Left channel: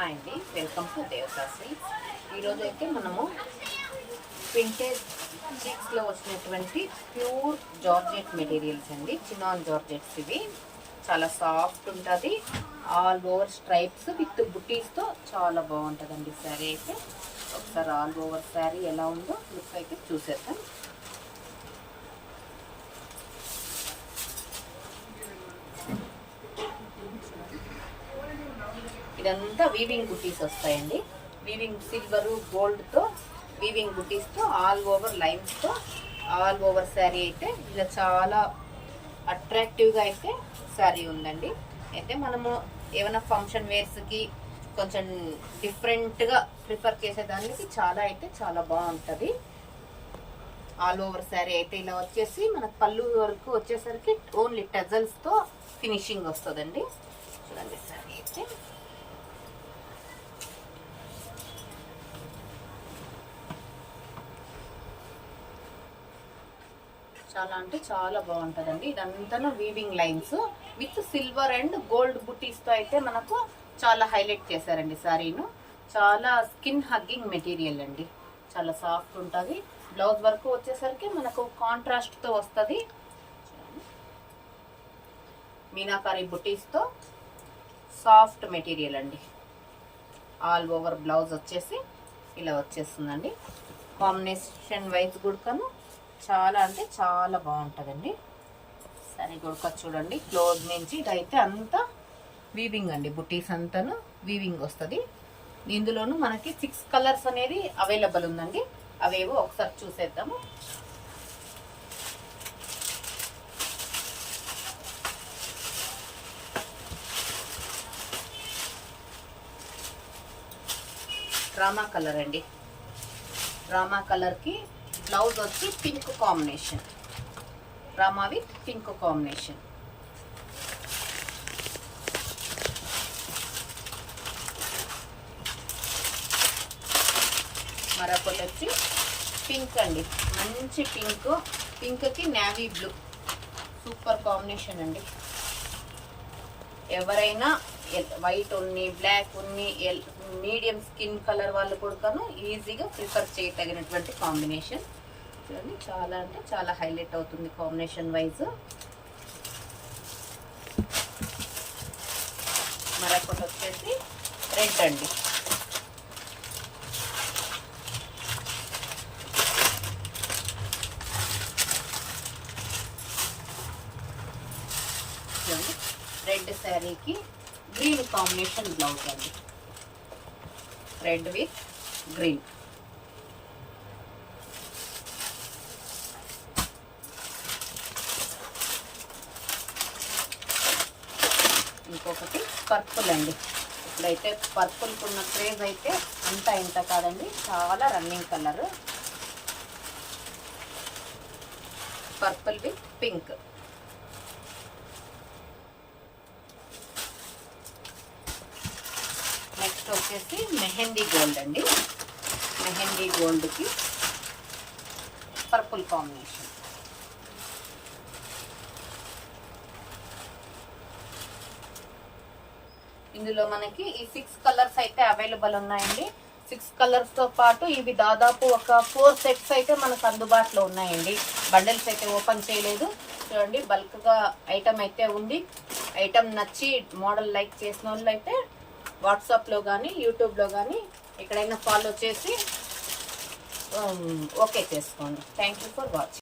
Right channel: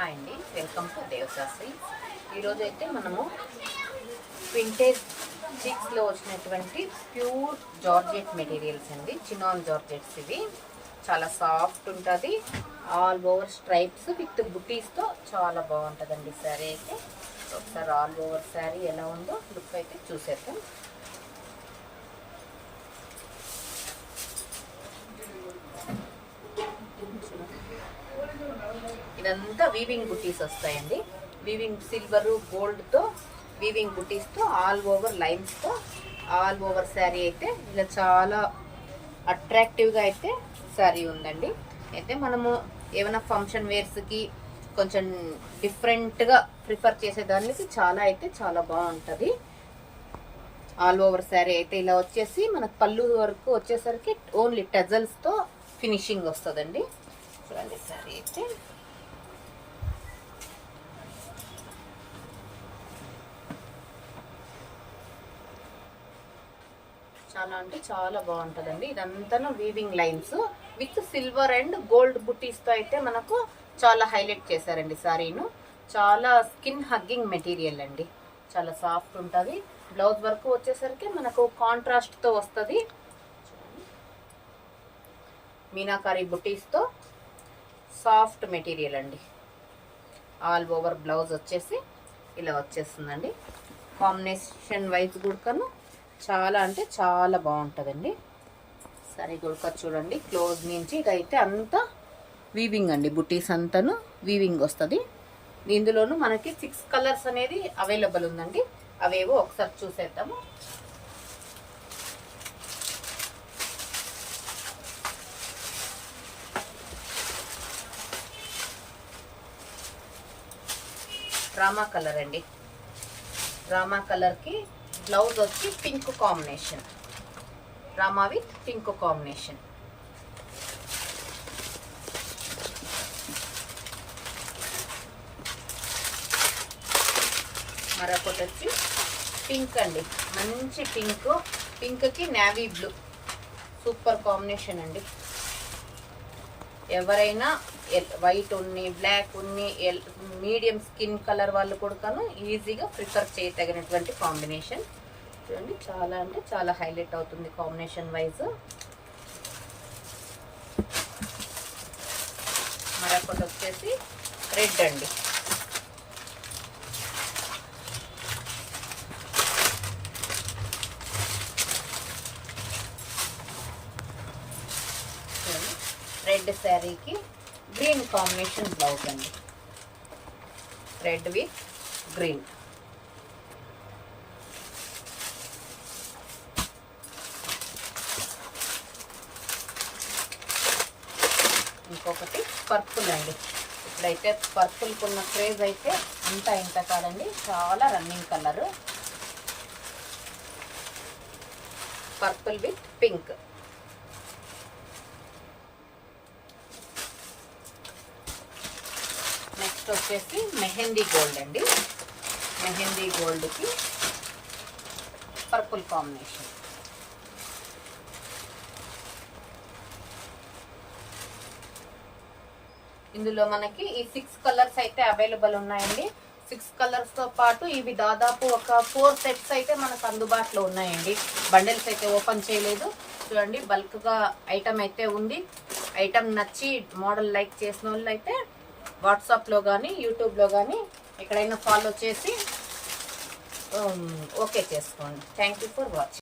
Hi అండి, welcome to దేవదాసి. ఈరోజు అయితే మనము వింటేజ్ చిక్స్లో వచ్చినటువంటి ప్యూర్ జార్జెట్ మెటీరియల్స్ అండి. చినాన్ జార్జెట్స్ ఇవి చాలా సాఫ్ట్ ఉంటుంది. ఆల్ ఓవర్ స్ట్రైప్స్ విత్ బుటీస్తో చాలా బాగుంటుందండి శారీ అయితే. ఒకసారి ఆల్ ఓవర్ శారీ ఎలా ఉందో లుక్ అయితే చూసేద్దాం. ఇదంతా వీవింగ్ బుటీస్ వస్తాయండి. వీవింగ్ సిల్వరు గోల్డ్తో వీవింగ్ బుటీస్తో ఆల్ ఓవర్ లైన్స్తో ఆల్ ఓవర్ శారీ అయితే ఇలా చాలా అట్రాక్టివ్గా అయితే శారీ ఉందండి. అయితే మనము ఏమైనా ఫంక్షన్ వేర్స్కి కొంచెం డిఫరెంట్గా ప్రిఫర్ చేసేదానికి చాలా బాగుంటుంది. ఆల్ ఓవర్ శారీ అయితే ఇలా వచ్చేసి మనకు పళ్ళు వరకు వచ్చేసరికి ఓన్లీ టజల్స్తో ఫినిషింగ్ వస్తుందండి. చూడండి శారీ అయితే చాలా అంటే చాలా బాగుంటుందండి. ఇదంతా weaving lines with silver and gold బుటీస్తో అయితే మనకు చాలా హైలైట్ చేశారండి శారీను. చాలా స్కిన్ హగ్గింగ్ మెటీరియల్ అండి, చాలా సాఫ్ట్ ఉంటుంది. బ్లౌజ్ వరకు వచ్చేసరికి మనకు కాంట్రాస్ట్తో వస్తుంది. మీనాకారి బుటీస్తో సాఫ్ట్ మెటీరియల్ అండి. ఆల్ ఓవర్ బ్లౌజ్ వచ్చేసి ఇలా వచ్చేస్తుందండి. కాంబినేషన్ వైజ్ గుడకను చాలా అంటే చాలా బాగుంటుందండి. సరే గుడక చూడండి క్లోజ్ నుంచి. ఇదైతే అంతా వీవింగ్ అండి, బుటీస్ అంతాను వీవింగ్ వస్తుంది. ఇందులోనూ మనకి 6 కలర్స్ అనేది అవైలబుల్ ఉందండి. అవేవో ఒకసారి చూసేద్దాము. రామా కలర్ అండి. రామా కలర్కి బ్లౌజ్ వచ్చి pink combination, Rama with pink combination. మరొకటి వచ్చి పింక్ అండి, మంచి పింక్. పింక్కి నేవీ బ్లూ సూపర్ కాంబినేషన్ అండి. ఎవరైనా వైట్ ఉన్ని బ్లాక్ ఉన్ని మీడియం స్కిన్ కలర్ వాళ్ళు కూడా ఈజీగా ప్రిఫర్ చేయదగినటువంటి కాంబినేషన్. చూడండి చాలా అంటే చాలా హైలైట్ అవుతుంది కాంబినేషన్ వైజ్. మరొకటి వచ్చేసి రెడ్ అండి. రెడ్ శారీకి గ్రీన్ కాంబినేషన్ బ్లౌజ్ అండి. Red with green. ఇంకొకటి పర్పుల్ అండి. ఇప్పుడైతే పర్పుల్కి ఉన్న క్రేజ్ అయితే అంతా ఇంత కాదండి, చాలా running colour. Purple with pink. Next వచ్చేసి మెహందీ గోల్డ్ అండి. మెహందీ గోల్డ్కి పర్పుల్ కాంబినేషన్. ఇందులో మనకి ఈ 6 కలర్స్ అయితే అవైలబుల్ ఉన్నాయండి. 6 కలర్స్తో పాటు ఇవి దాదాపు ఒక 4 సెట్స్ అయితే మనకు అందుబాటులో ఉన్నాయండి. బండిల్స్ అయితే ఓపెన్ చేయలేదు. చూడండి బల్క్గా ఐటమ్ అయితే ఉంది. ఐటమ్ నచ్చి మోడల్ లైక్ చేసిన వాళ్ళు అయితే వాట్సాప్లో కానీ యూట్యూబ్లో కానీ ఎక్కడైనా ఫాలో చేసి ఓకే చేసుకోండి. Thank you for watching.